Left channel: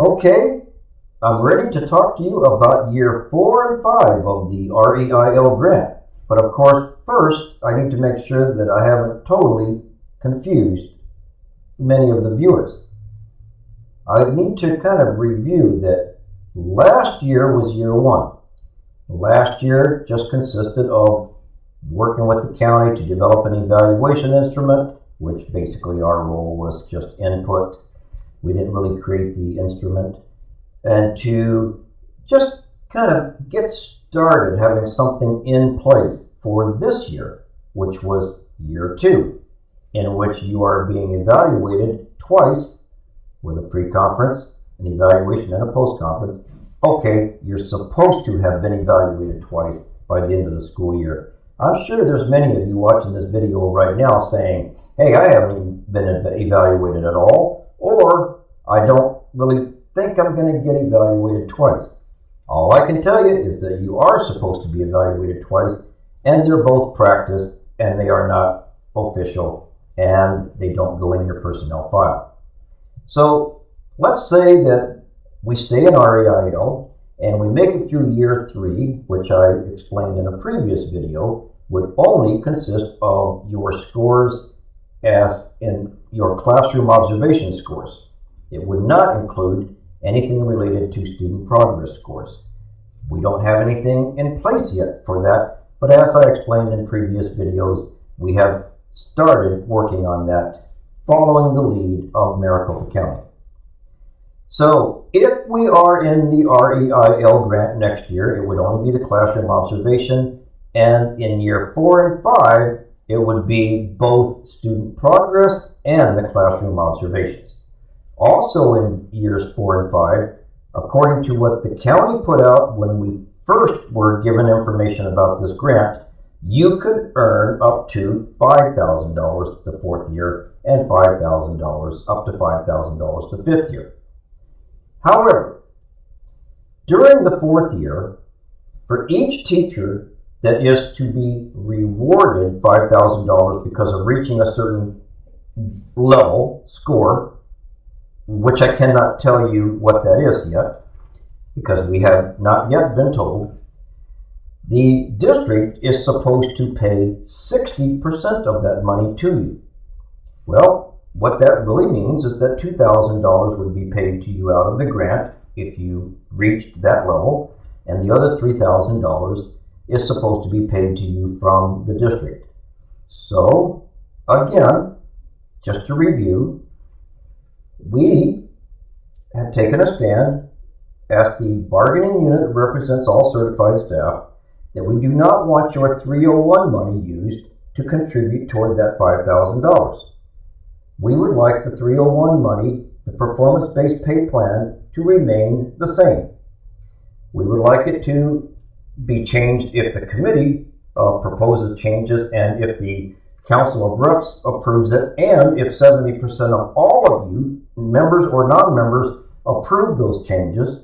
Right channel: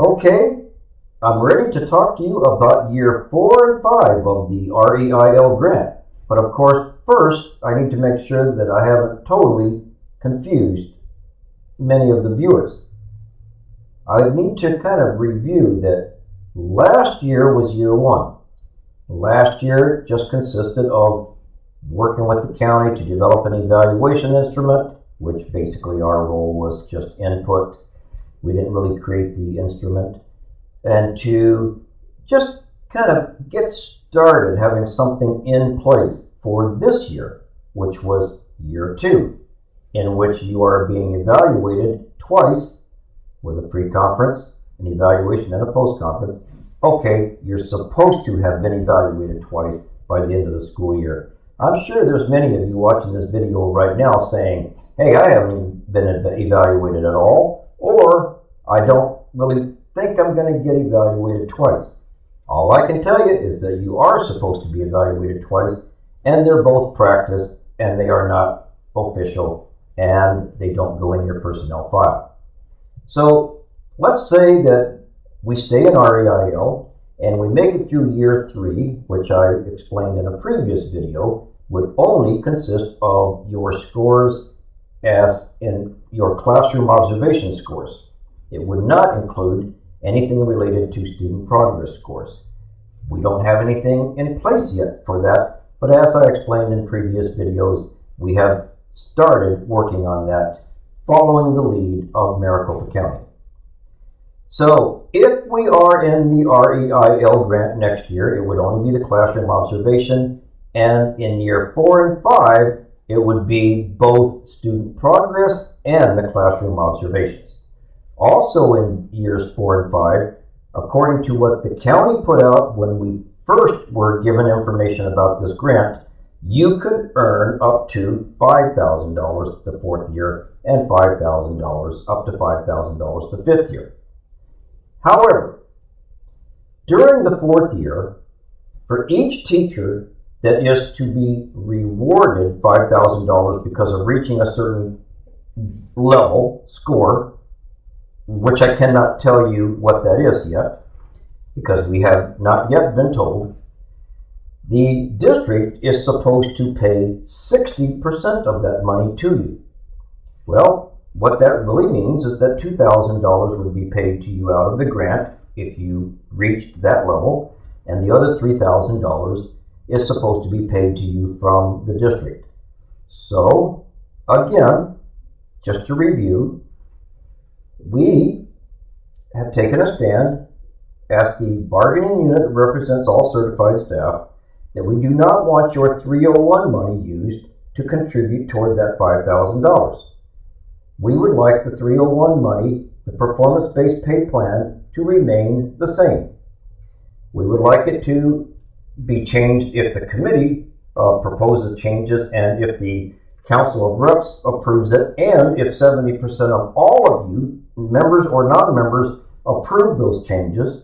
Okay, I'm ready to talk to you about year 4 and 5 of the REIL grant. But of course, first, I need to make sure that I haven't totally confused many of the viewers. I need to kind of review that last year was year 1. Last year just consisted of working with the county to develop an evaluation instrument, which basically our role was just input. We didn't really create the instrument. And to just kind of get started having something in place for this year, which was year 2, in which you are being evaluated twice with a pre-conference, an evaluation, and a post-conference. Okay, you're supposed to have been evaluated twice by the end of the school year. I'm sure there's many of you watching this video right now saying, hey, I haven't even been evaluated at all, or I don't really think I'm going to get evaluated twice. All I can tell you is that you are supposed to be evaluated twice, and they're both practice, and they are not official, and they don't go in your personnel file. So let's say that we stay in REIL and we make it through year 3, which I explained in a previous video, would only consist of your scores as in your classroom observation scores. It would not include anything related to student progress scores. We don't have anything in place yet for that, but as I explained in previous videos, we have started working on that following the lead of Maricopa County. So if we are in the REIL grant next year, it would only be the classroom observation, and in year 4 and 5, it would be both student progress and the classroom observations. Also in years 4 and 5, according to what the county put out when we first were given information about this grant, you could earn up to $5,000 the 4th year and $5,000 up to $5,000 the 5th year. However, during the 4th year, for each teacher that is to be rewarded $5,000 because of reaching a certain level, score, which I cannot tell you what that is yet, because we have not yet been told, the district is supposed to pay 60% of that money to you. Well, what that really means is that $2,000 would be paid to you out of the grant if you reached that level, and the other $3,000 is supposed to be paid to you from the district. So, again, just to review, we have taken a stand as the bargaining unit that represents all certified staff that we do not want your 301 money used to contribute toward that $5,000. We would like the 301 money, the performance-based pay plan, to remain the same. We would like it to be changed if the committee proposes changes and if the Council of Reps approves it, and if 70% of all of you, members or non-members, approve those changes.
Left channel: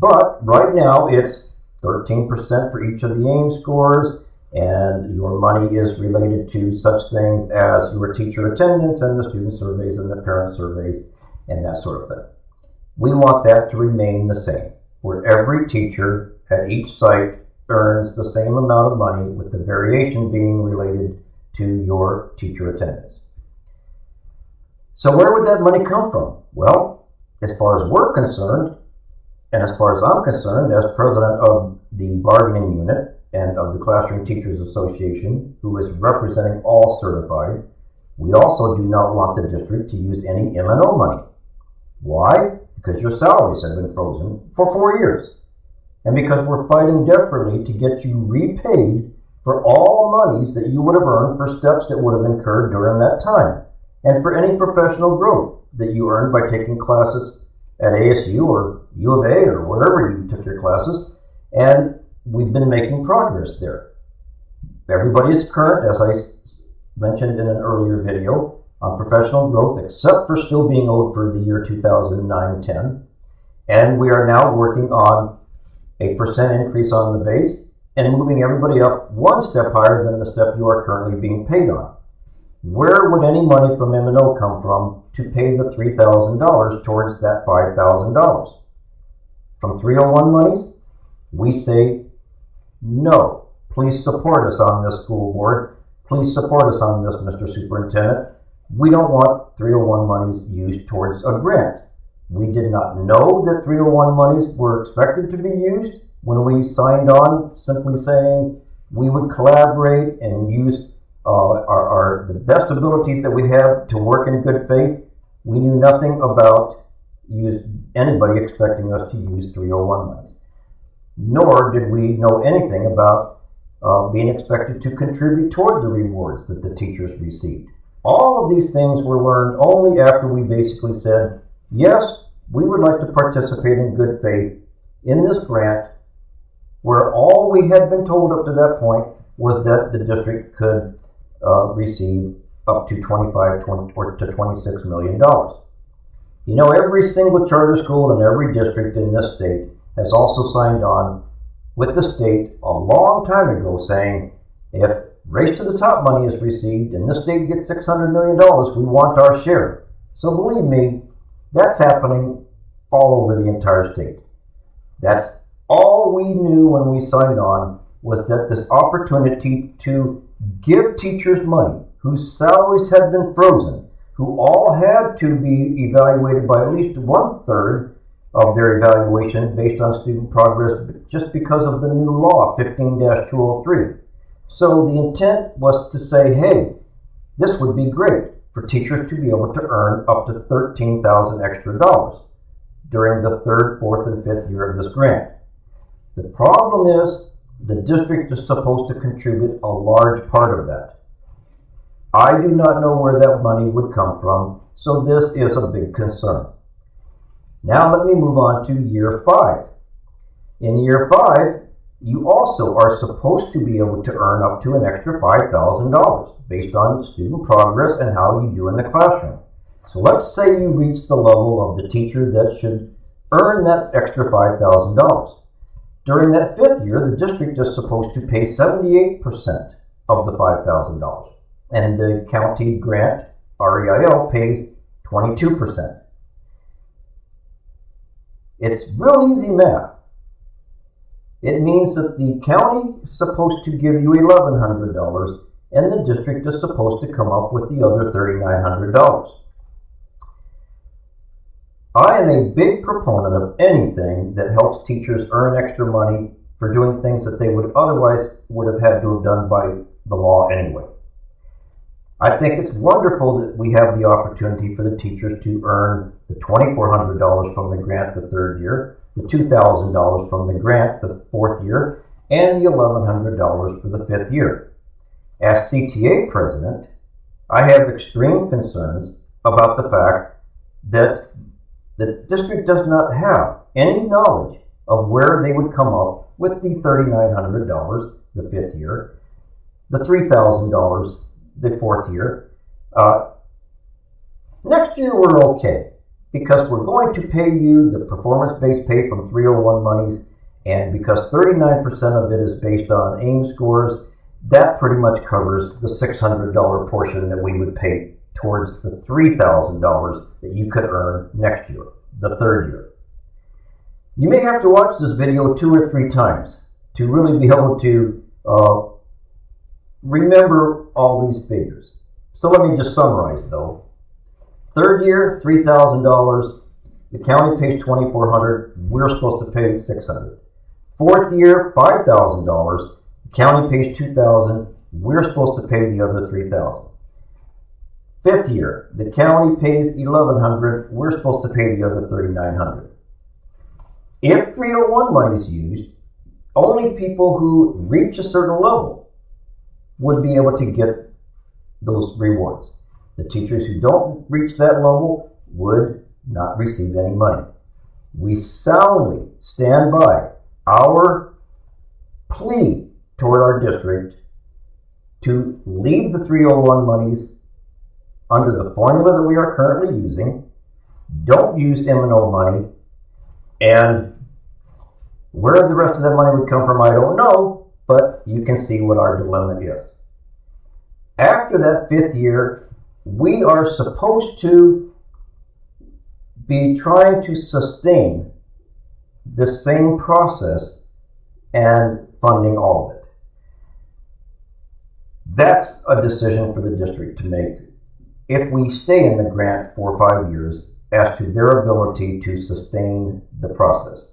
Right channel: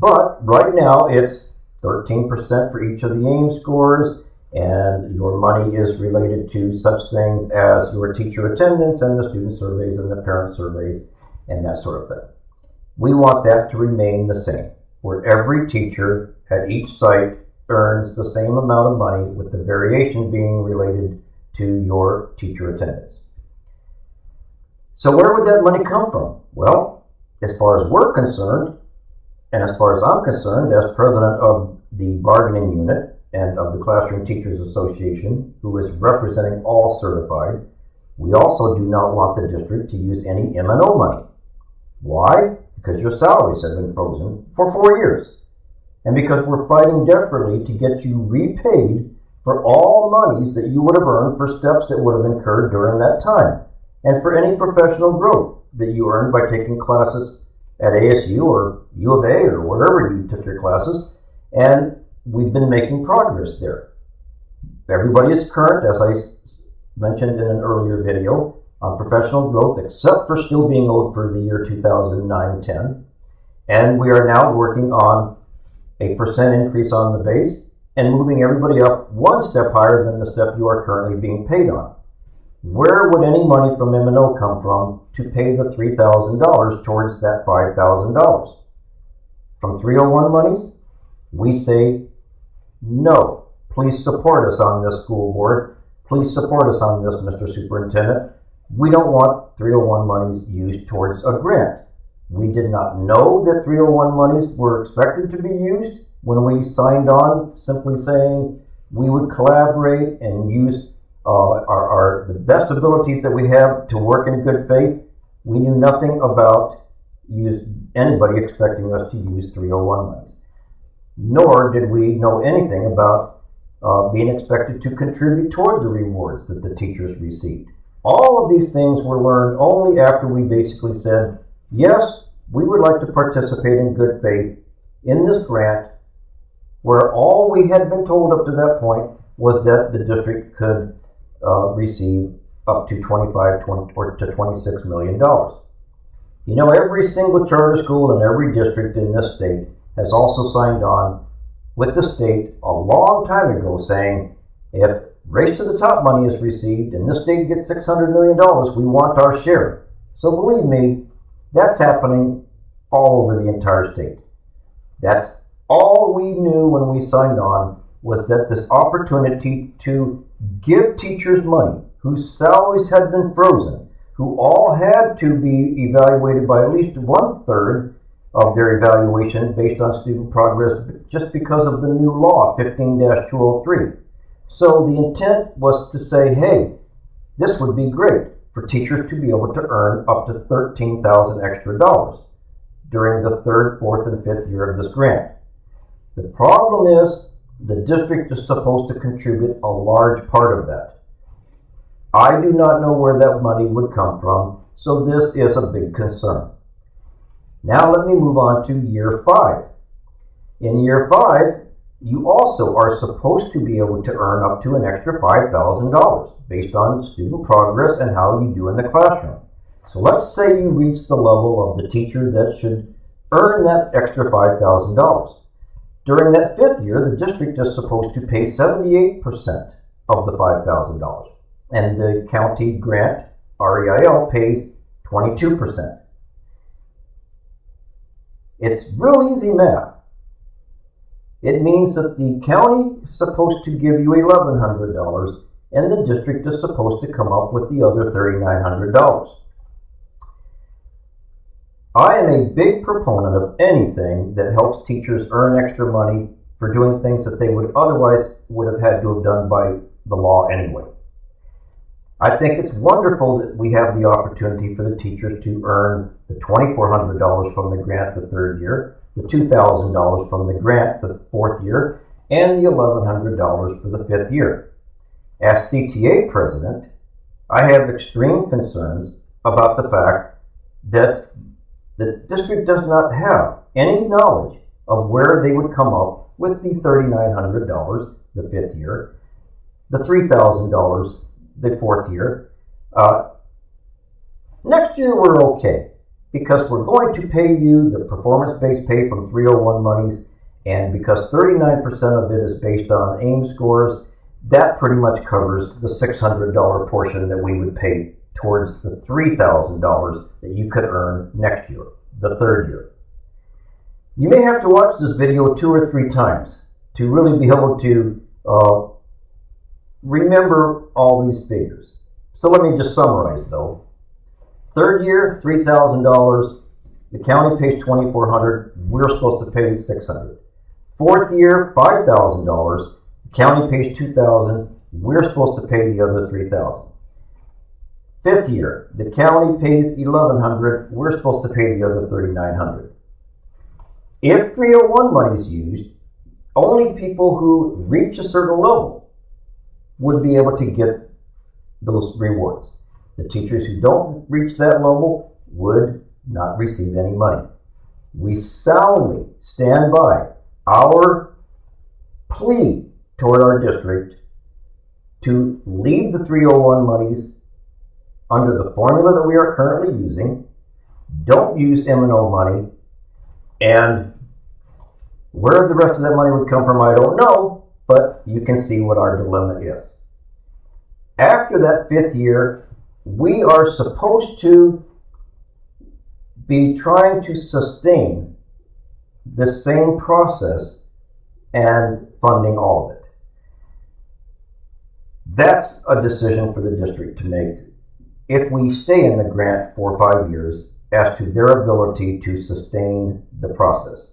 But right now it's 13% for each of the AIM scores, and your money is related to such things as your teacher attendance and the student surveys and the parent surveys and that sort of thing. We want that to remain the same, where every teacher at each site earns the same amount of money, with the variation being related to your teacher attendance. So where would that money come from? Well, as far as we're concerned, and as far as I'm concerned, as president of the bargaining unit and of the Classroom Teachers Association, who is representing all certified, we also do not want the district to use any M&O money. Why? Because your salaries have been frozen for 4 years. And because we're fighting desperately to get you repaid for all monies that you would have earned for steps that would have incurred during that time, and for any professional growth that you earned by taking classes at ASU or U of A or wherever you took your classes, and we've been making progress there. Everybody is current, as I mentioned in an earlier video, on professional growth, except for still being owed for the year 2009-10, and we are now working on a percent increase on the base and moving everybody up one step higher than the step you are currently being paid on. where would any money from M&O come from to pay the $3,000 towards that $5,000? From 301 monies? We say no. Please support us on this, school board. Please support us on this, Mr. Superintendent. We don't want 301 monies used towards a grant. We did not know that 301 monies were expected to be used when we signed on, simply saying we would collaborate and use the best abilities that we have to work in good faith. We knew nothing about anybody expecting us to use 301 monies. Nor did we know anything about being expected to contribute toward the rewards that the teachers received. All of these things were learned only after we basically said, yes, we would like to participate in good faith in this grant, where all we had been told up to that point was that the district could receive up to $25 to $26 million. You know, every single charter school in every district in this state has also signed on with the state a long time ago saying, if Race to the Top money is received and this state gets $600 million, we want our share. So believe me, that's happening all over the entire state. That's all we knew when we signed on, was that this opportunity to give teachers money whose salaries had been frozen, who all had to be evaluated by at least 1/3 of their evaluation based on student progress just because of the new law, 15-203. So the intent was to say, hey, this would be great for teachers to be able to earn up to $13,000 extra during the 3rd, 4th, and 5th year of this grant. The problem is the district is supposed to contribute a large part of that. I do not know where that money would come from, so this is a big concern. Now let me move on to year 5. In year 5, you also are supposed to be able to earn up to an extra $5,000 based on student progress and how you do in the classroom. So let's say you reach the level of the teacher that should earn that extra $5,000. During that 5th year, the district is supposed to pay 78% of the $5,000, and the county grant, REIL, pays 22%. It's real easy math. It means that the county is supposed to give you $1,100, and the district is supposed to come up with the other $3,900. I am a big proponent of anything that helps teachers earn extra money for doing things that they would have had to have done by the law anyway. I think it's wonderful that we have the opportunity for the teachers to earn the $2,400 from the grant the 3rd year, the $2,000 from the grant the 4th year, and the $1,100 for the 5th year. As CTA president, I have extreme concerns about the fact that the district does not have any knowledge of where they would come up with the $3,900 the 5th year, the $3,000 the 4th year. Next year we're okay, because we're going to pay you the performance-based pay from 301 monies, and because 39% of it is based on AIM scores, that pretty much covers the $600 portion that we would pay towards the $3,000 that you could earn next year, the 3rd year. You may have to watch this video 2 or 3 times to really be able to remember all these figures. So let me just summarize though. 3rd year, $3,000. The county pays $2,400. We're supposed to pay $600. 4th year, $5,000. The county pays $2,000. We're supposed to pay the other $3,000. 5th year, the county pays $1,100. We're supposed to pay the other $3,900. If 301 money is used, only people who reach a certain level would be able to get those rewards. The teachers who don't reach that level would not receive any money. We soundly stand by our plea toward our district to leave the 301 monies under the formula that we are currently using. Don't use M&O money, and where the rest of that money would come from, I don't know, but you can see what our dilemma is. After that 5th year, we are supposed to be trying to sustain the same process and funding all of it. That's a decision for the district to make if we stay in the grant for 5 years as to their ability to sustain the process.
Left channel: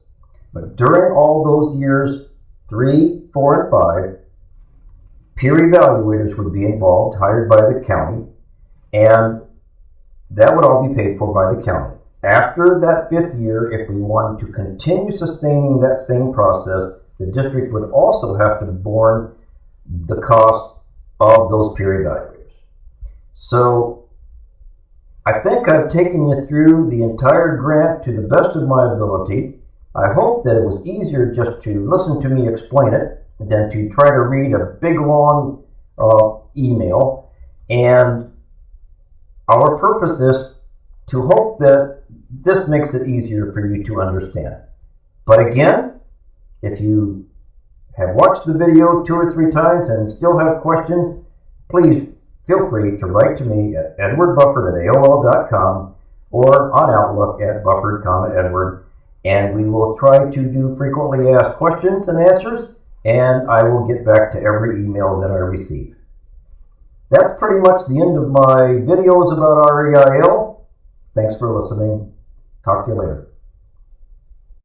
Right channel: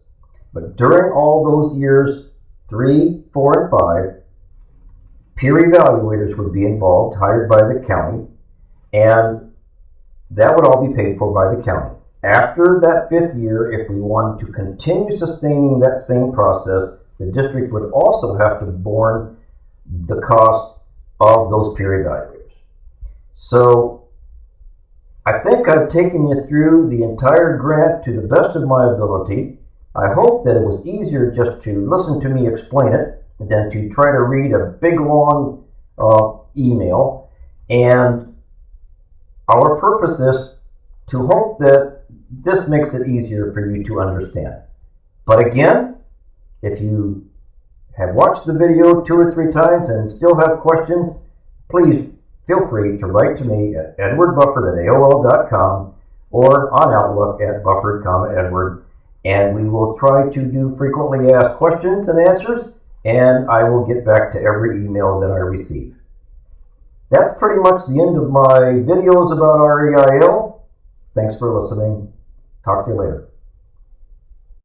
But during all those years, 3, 4, and 5, peer evaluators would be involved, hired by the county, and that would all be paid for by the county. After that 5th year, if we wanted to continue sustaining that same process, the district would also have to borne the cost of those peer evaluators. So I think I've taken you through the entire grant to the best of my ability. I hope that it was easier just to listen to me explain it than to try to read a big long email. And our purpose is to hope that this makes it easier for you to understand. But again, if you have watched the video 2 or 3 times and still have questions, please feel free to write to me at edwardbufford@aol.com or on Outlook at Bufford, and we will try to do frequently asked questions and answers, and I will get back to every email that I receive. That's pretty much the end of my videos about REIL. Thanks for listening. Talk to you later.